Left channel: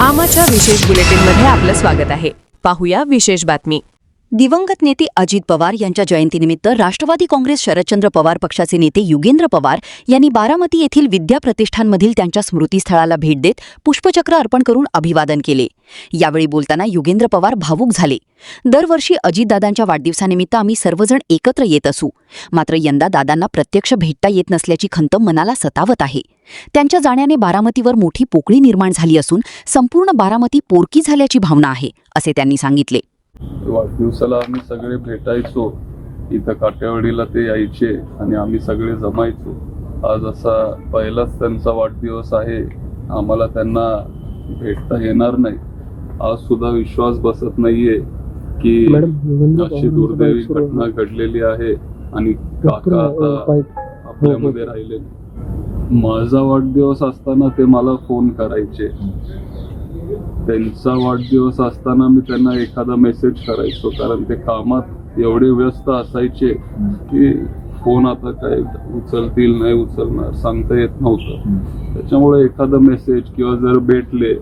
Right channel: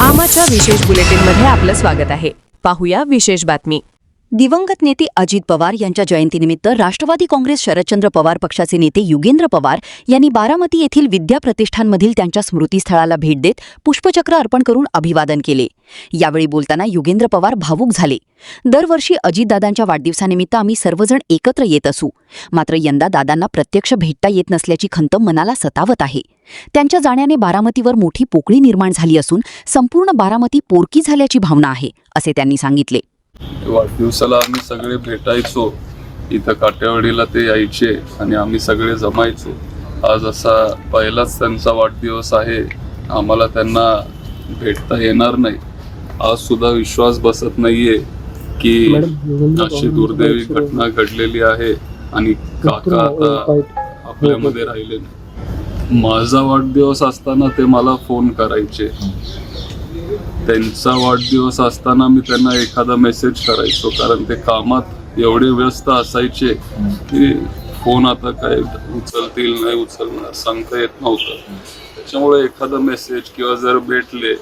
आमाच्या विशेष बुलेटिनमध्ये आपलं स्वागत आहे. पाहूया विशेष बातमी. दिवंगत नेते अजित पवार यांच्या जयंतीनिमित्त राष्ट्रवादी काँग्रेस शरदचंद्र पवार पक्षाचे नेते युगेंद्र पवार यांनी बारामती येथील विद्या प्रतिष्ठानमधील त्यांच्या स्मृतीस्थळाला भेट देत पुष्पचक्र अर्पण करून अभिवादन केले. यावेळी बोलताना युगेंद्र पवार भावूक झाले. दरवर्षी अजितदादांच्या वाढदिवसानिमित्त आम्ही सर्वजण एकत्र येत असू, मात्र यंदा दादांना प्रत्यक्ष भेटता येत नसल्याची खंत मनाला सतावत आहे. त्यांच्या जाण्याने बारामतीवर मोठी पोकळी निर्माण झाली असून संपूर्ण बारामती पोरकी झाल्याची भावना आहे, असे त्यांनी सांगितले. वाढदिवसाला आम्ही सगळे भेटायचो, इथं काटेवाडीला ते यायचे आणि आम्ही सगळे जमायचो. आज असा पहिलाच त्यांचा वाढदिवस आहे, आम्हाला त्यांना भेटता येणार नाही. आज सुद्धा विश्वास बसत नाहीये की अशी दुर्दैवी घटना घडलेली आहे आणि काका आता आपल्यामध्ये राहिले नाही. माझा वाढदिवस असताना ते मला फोन करायचे, त्यांचा वाढदिवस असताना मी त्यांना एखादा मेसेज करायचो, कारण ते कामात एवढे व्यस्त असायचे की फोन आता काय उचलतील नाही उचलणार सांगता येत नव्हतं. त्याच्यामुळे एखादा मेसेज किंवा जर भेटले,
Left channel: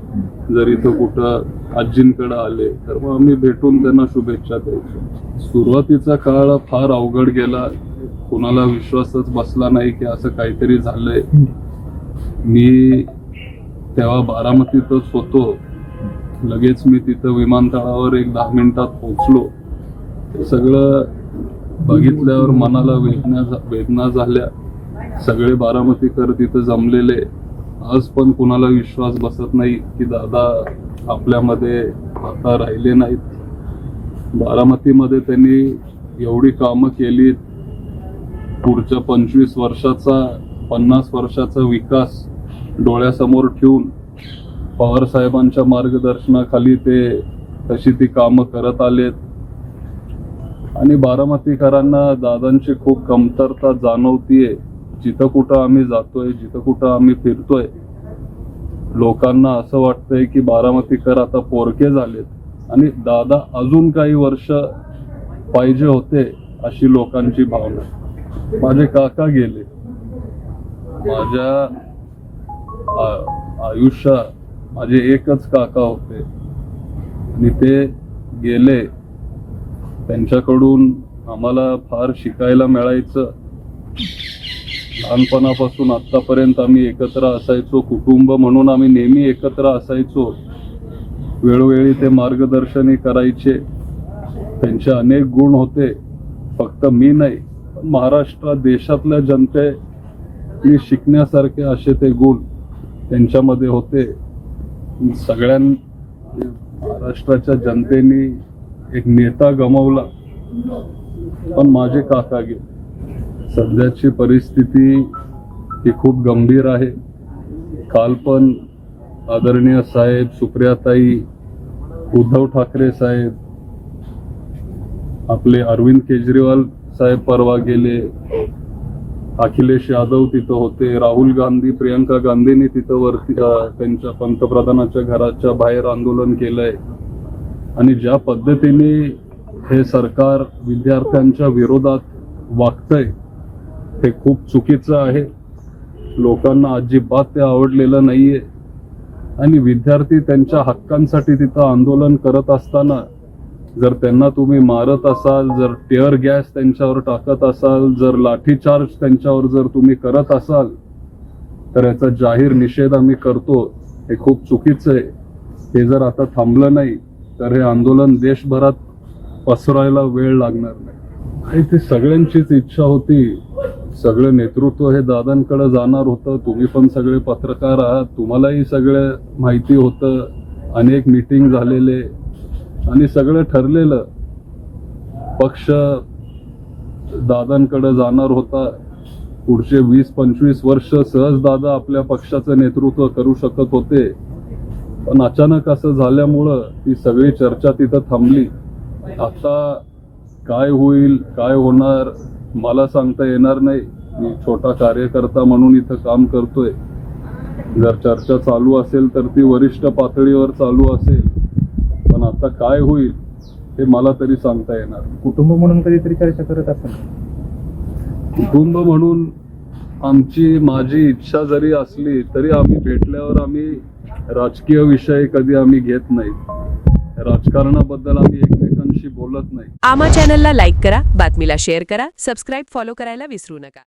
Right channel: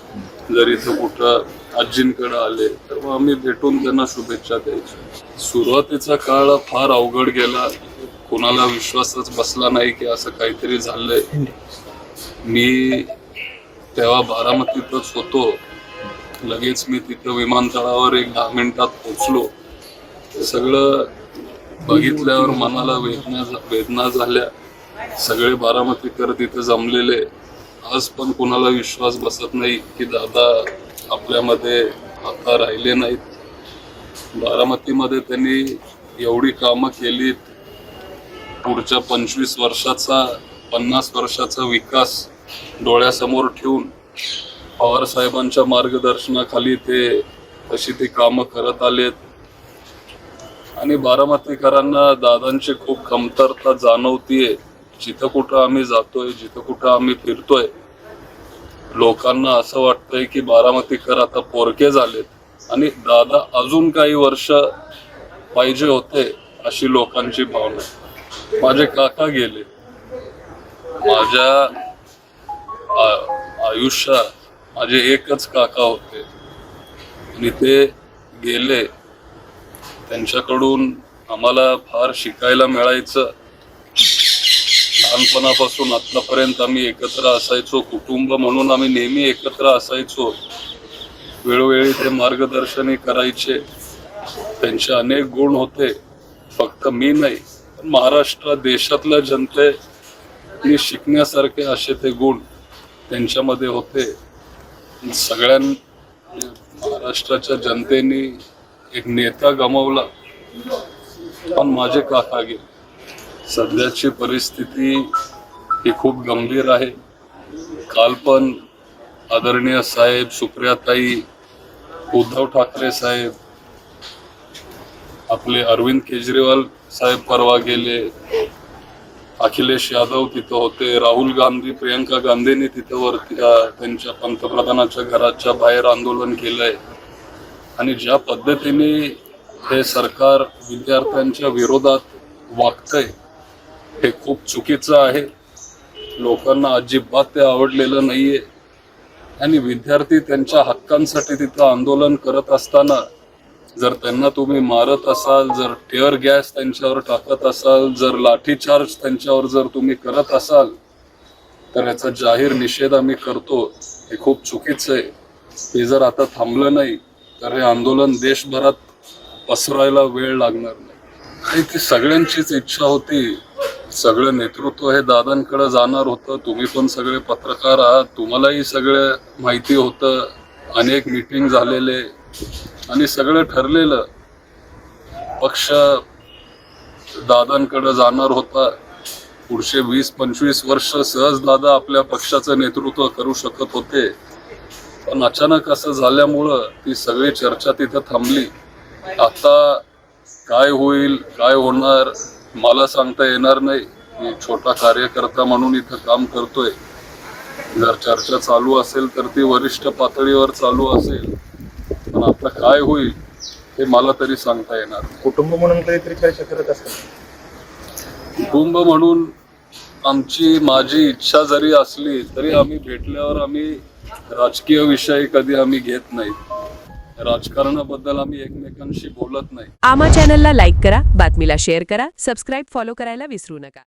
जर इथं कुठं आजींकडे आले तर मग आम्ही भेटून त्यांना शुभेच्छा द्यायचो. सुरुवातीचा काळ फार अवघड गेला, कोणाला विश्वासच बसला नाही की असं काहीतरी झालंय. मी तेव्हा बारामतीतच होतो, लगेच मी तिथं विमानतळावर एक 10 मिनिटात पोहोचलो. सगळं बघितल्यावर मनाला वेदना झाल्या. सगळे बारामतीकर तिथं जमलेले. आज पण कुणाला विश्वास बसत नाही की दादा आपल्यामध्ये आता राहिले नाहीत. बारामतीमध्ये त्यांनी एवढी कामं केलीत, पुढच्या 25 वर्षाचा 50 वर्षाचा विकास डोळ्यासमोर ठेवून पवार साहेबांच्या मार्गदर्शनाखाली ते तशी ती कामं करत आलेत. आणि बारामतीकरांना दादांची खूप कमतरता जाणवतीये. जिथं कुठं आम्ही जातोय, जिथं कुठं आम्ही फिरतोय, लोकांना असं वाटतंय की बारामतीकर आता पोरके झालेत आणि दादा अजून काही वर्ष पाहिजे होते, अशी लोकांची भावना. माझे काका गेले, माझ्या आयुष्यात माझे एकच काका होते आणि ते गेले. त्यांच्याकडून आम्हाला फार शिकायला मिळायचं. लहानपणापासून आत्तापर्यंत आम्ही एकत्र असायचो, कुटुंब म्हणून आम्ही नेहमी एकत्र असायचो. वेळोवेळी ते मार्गदर्शनही करायचे. त्यांचे अनेक गुण होते, फक्त मी नाही पण महाराष्ट्र देशातल्या जनतेने शिकण्यासारखे असे ते गुण त्यांच्यामध्ये होते. सगळ्यां महाराष्ट्राच्या जनतेने एक नेता गमावला, पण माझे काका गेले. सध्याची परिस्थिती ही खूप गंभीर आहे. काल पण आदरणीय साहेब, सुप्रियाताई, उद्धव ठाकरे साहेब, आपले अरविंद केजरीवाल साहेब परवा गेले, अखिलेश यादव तिथं होते, राहुल गांधी, प्रियंका गांधींनी तिथं वरती त्यांच्या पंतप्रधानाच्या घराच्या बाहेर आंदोलन केलंय. आणि ज्या पद्धतीने हे सरकार विद्यार्थ्यांच्या विरोधात वागतंय हे खूप चुकीचं आहे. लोकांना अजिबात ते आवडलेलं नाहीये. आणि विद्यार्थी त्यांच्या हक्कांसाठी तिथं आंदोलन करत असताना जर त्यांना तुम्ही मारत असाल, जर टिअर गॅस त्यांच्यावर टाकत असाल, जर लाठीचार्ज त्यांच्यावर जर तुम्ही करत असाल, तर याचा जाहीर निषेध आम्ही करतो. हे खूप चुकीचं आहे. हे जर आता थांबलं नाही तर हे आंदोलन देशभरात पसरायला वेळ लागणार नाही. ती सगळ्यांचीच इच्छा होती. सगळं नेतृत्व हे दादांकडे जाणार होतं. तुम्ही पण सगळे पत्रकार आहात, तुम्हालाही सगळं माहिती होतं. अनेक मीटिंग झालेले आणि सगळं ठरलेलं. पक्ष दादांकडे जाणार होता. पुढचे 20-25 वर्ष सहज दादा आपल्या पक्षाचं नेतृत्व करू शकत होते. पण अचानक असं झाल्यामुळं ती सगळी चर्चा तिथं थांबली. आता काय होईल, काय होणार मला सांगता येणार नाही. मी छोटा कार्यकर्ता म्हणून इथं काम करतोय. जर चर्चा चालू असेल तर ती वरिष्ठ पातळीवर चालू असेल, पण आता काय होईल हे मला तरी सांगता येणार नाही. कुटुंब म्हणून कधीतरी चर्चा करत असाल? कुटुंब म्हणून माझी इच्छा जरी असली तरी आम्ही भेटल्यावर आम्ही राजकीय विषय कधी आम्ही घेत नाही. राजकारणाबद्दल आम्ही एकमेकांशी बोलत नाही. आमा चॅनलला लाईक करा, बातमीला शेअर करा, सबस्क्राईब फॉलो करायला विसरू नका.